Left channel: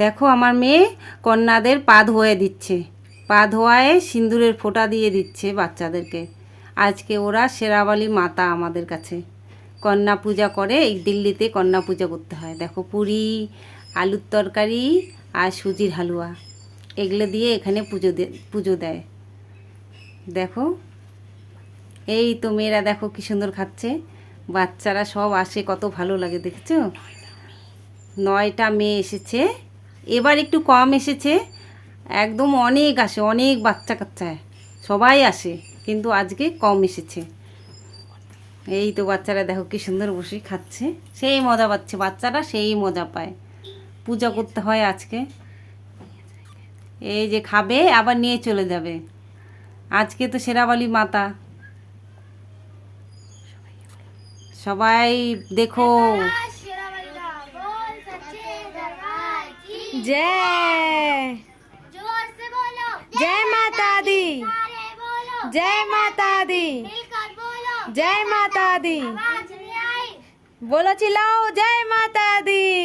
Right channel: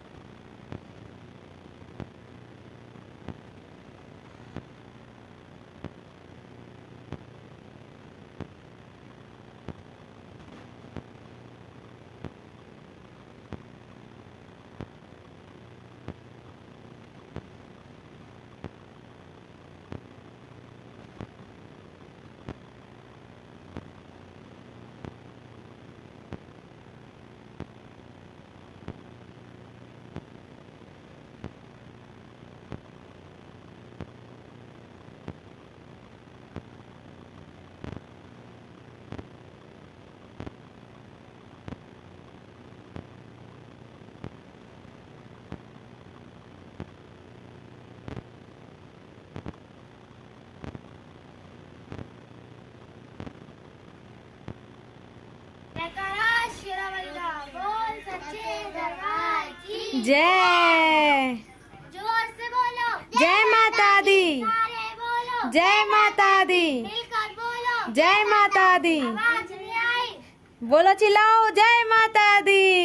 দেখো আমার মেয়ে কন্যাদের পা ধোয়ে দিচ্ছে। পা ধোয়ায় সিঁদুরের ফোঁটা দিয়ে দিচ্ছে বাচ্চাদেরকে। আজকে ওরা সেরাবালি মাতা আমাদের কাছে। কন্যা পূজা করে এই দিল্লিতে কন্যা পূজা করতে হয়। দেখো পুরি, আলুর তরকারি আর সুজির হালুয়া। এগুলো দিয়ে এখানে পুজো পুজো দেয়। দেখো, এই তো মেয়েরা দেখো কি সুন্দর খাচ্ছে। বাচ্চারা সব আসে, কত ভালো লাগে, দেখছ? নয়টা মেয়ে এসেছে। এবার একটু কম এসেছে। একদম অনেক আসে, অনেক বাচ্চা কাচ্চা। সবাই আসে, কিন্তু আজকে কম এসেছে। এই তো বাচ্চারা দেখো কি সুন্দর বসে খাচ্ছে। সেই মজা পাচ্ছে, বাচ্চারা সেই মজা পায়। পূজা করতে হয় আজকে। এই যে খাবে, আবার নিয়ে চলে যাবে। আজকে তো সেরাবালি মাতা। সবাই দেখো। जय। जय माता दी। जय माता दी। जय माता दी। बोलो चिल्लाओ। जय माता दी।